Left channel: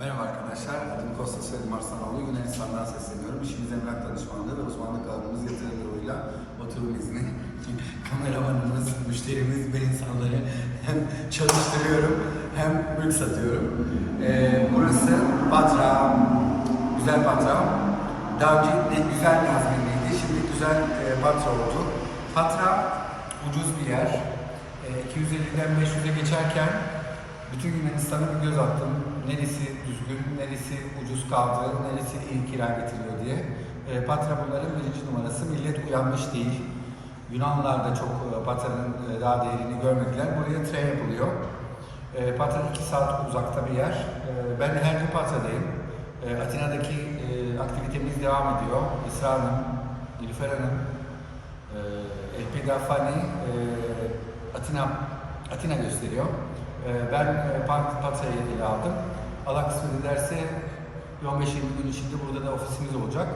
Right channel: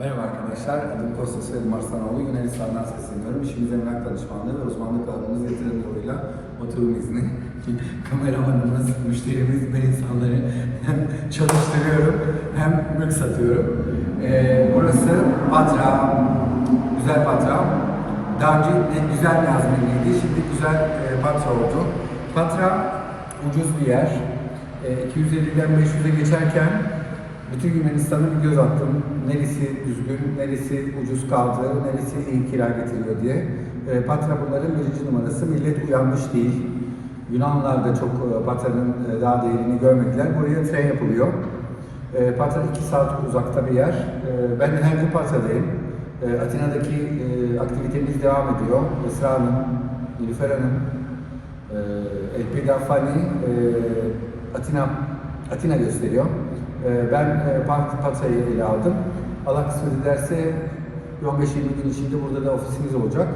Merhaba arkadaşlar, adım Kostas Soyadım Arslanoğlu. Yunanistan'dan sesleniyorum. İşimiz emlak danışmanlığı ve uzmanlık alanımız yatırım yoluyla oturum izni. Kameramanımız, müşterimiz, ben insanları hem çalıştırıyorum hem mülk satıyorum. Ee, burası Patra, güzel Patra. Daha önce de güzel Nazmi'ndeydi, şimdi güzel e, Patra oldu. Patra ucuz bir yer. E, 250'den 500'e geçerken bütün Yunanistan'a bir göz attım. Neresi düzgün, neresi ucuz kaldı, neresi iyi kira getiriyor diye. E, Patra bunların birinci numarası. Millet uyanmış değil. Yunanlılar da çok e, Patra'nın e, daha değerini görmediler. Buraya tren yapılıyor. E, Patra 2 saat uzakta bir yer. E, ben her gün Patra'dayım. E, Atina'daki e, aktivitemiz devam ediyor. Esra Hanım, Nilüfer Hanım, e, Elpida Fani, e, Atina, Atina gösteriyor. E, ben e, Patra'yı ele aldım. Allah kısmet ederse 15-20 gün içinde burada da ofisimiz olacak.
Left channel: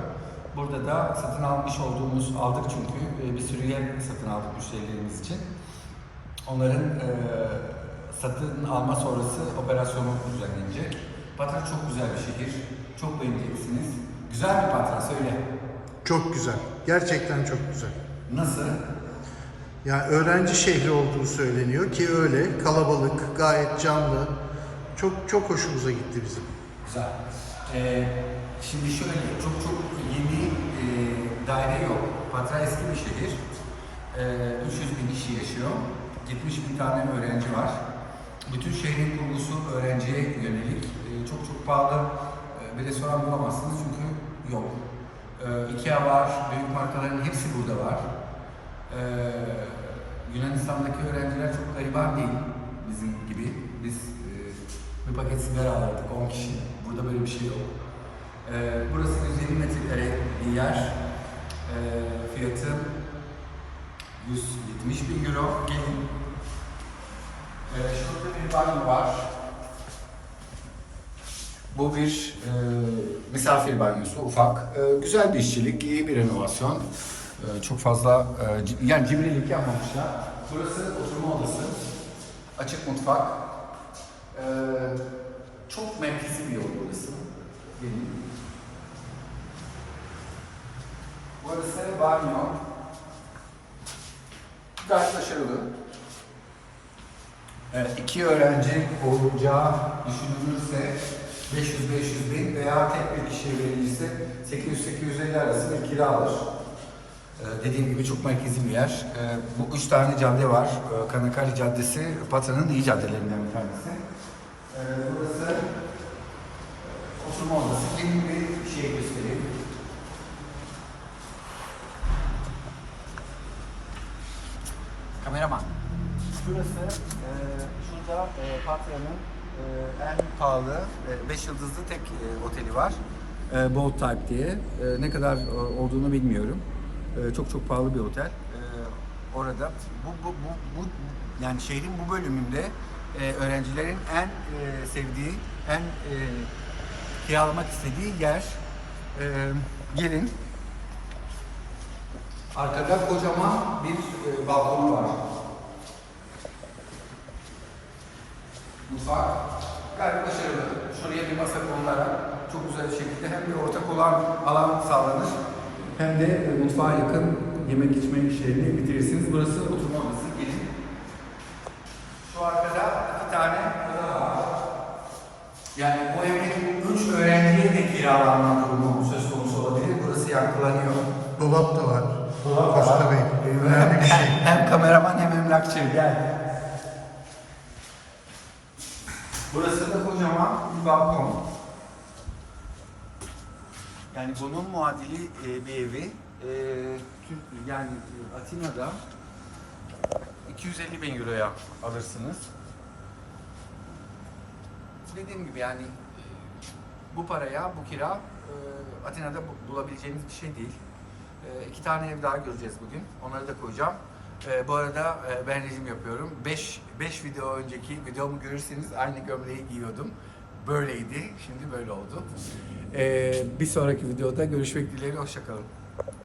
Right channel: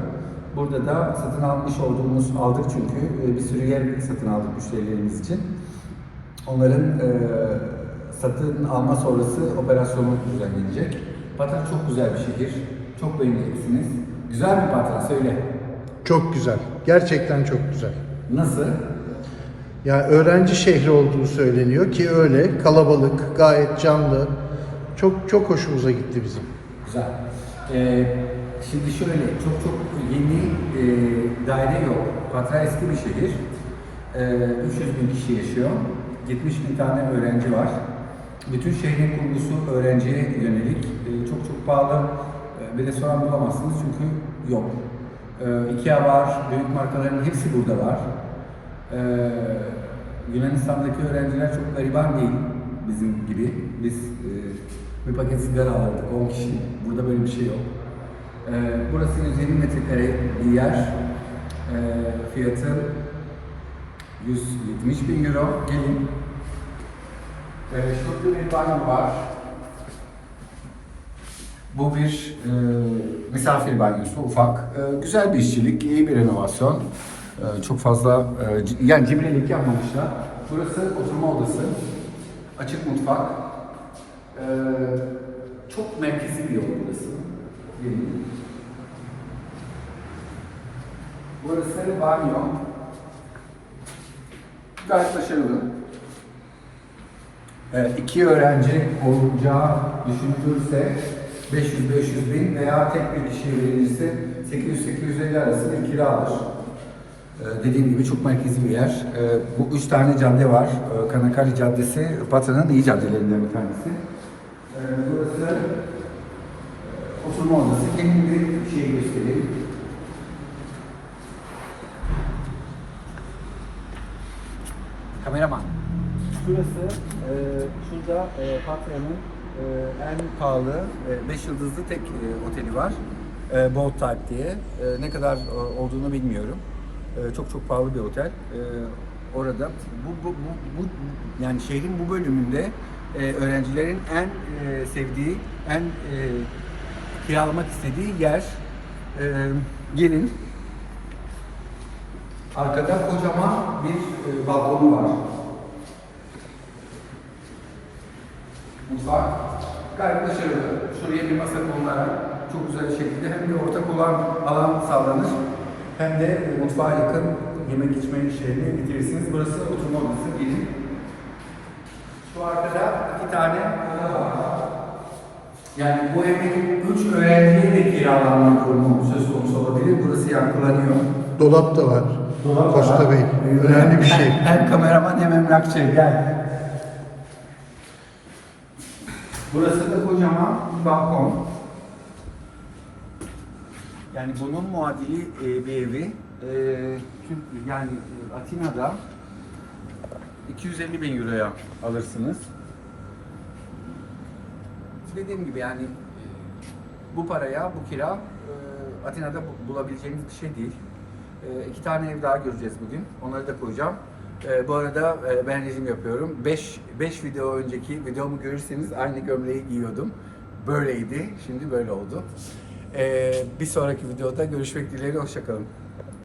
Burada da satın almış olduğumuz, aldık çünkü e, bir sürü yer satın aldık müşterilerimiz için. Onların e, satın alma sonrası operasyonu düzenlenecek. Patra çok güzel bir şehir. Çok beğeneceksiniz. Güzel bir Patra söyle. Çok güzel. Gerçekten çok güzel. Nasıl? Yani öğrenci şehri olduğu söyleniyor ki öyle. Kalabalık, gayet canlı. Çok çok hoşumuza gitti bizim. Güzel. Ee, şimdi şöyle, çok çok yeni e, daire yok. Patra eski bir şehir. Ee, 300 bin kişi yaşıyor. 70 bin tane öğrenci var. Bütün şehrin kurgusu öğrenciye yönelik. Ee, çok çok pahalı e, bir restoran bulamazsınız çünkü yok. Ee, Ikea var, büyük markaların hepsi burada var. Ee, Yunanistan'daki öğrenciler çok gariban değil bizim gibi. Biz e, bir paket sigara alırdık 10 kişi. Burada böyle bir şey yok. Ee, burası 150 metrekare bir yer. Ee, fiyatı 170 bin euro. Gelin. Ee, şurada bir banyo var. Bu bir e, misafir banyosu, ufak. E, güzel bir işçilik, iyi bir renovasyon. E, çok fazla, e, yani cimrilik yapmamışlar. Burası oturma odası, açık mutfak. E, çok merkezi bir yer burası. Burası banyo. Gayet başarılı. Ee, iki öğrenci olacağı düşünülürse 500-500 bin veya tek bir kişi verilirse 800-850 arası bir kiradır. Ee, dediğim gibi çok merkezi bir yer. Ee, bu üç tane cadde var. Ee, Kanakali Caddesi, Patra'nın iyi caddelerinden bir tanesi. Burası e, oturma odası. Gelin bir şey göstereyim. Kameraman. Burası e, şurada e, Patra'nın e, en pahalı 5 yıldızlı tek e, oteli var. E, Bold Type diye. E, ne kadar e, olduğunu bilmiyorum. E, çok çok pahalı bir otel. E, orada bu, bu, bu, bu yani şehrin bu bölümünde e, öğrencilerin en e, sevdiği, en e, kiralamak istediği yer. E, gelin. Arkada kocaman bir e, balkonu var. Mutfak gayet başarılı. Şuraya bir masa konularak çok güzel bir şekilde hem bir ortak olan alan sağlanır hem de mutfağa yakın yemek içme işlerini bitirirsiniz. Burası oturma odası. Gelin. Şu arkada iki tane oda var. Yani bu evin üç öğrenciye de kiralanma durumu söz konusu olabilir. Burası yankılanıyor. Dolap da var. Kosta Bey. Önemli bir şey. Hem kameraman hem emlakçı. Gel. Burası da kocaman bir balkon. Yani bunun muadili e, bir evi. E, Türk- yani Atina'da 250 bin euroya alırsınız. Dediğim gibi yani bu paraya, bu kira e, Atina'da bu- bulabileceğiniz bir şey değil. E, iki tane ev daha göreceğiz bugün. Onları da koyacağım. E, bu arada e, ben rejim yapıyorum. 5 5 video önceki videomu görürseniz aynı gömleği giyiyordum. Böyleydi. Şimdi böyle oldu. E, bir sonraki videoda görüşmek dileğiyle. Hoşçakalın.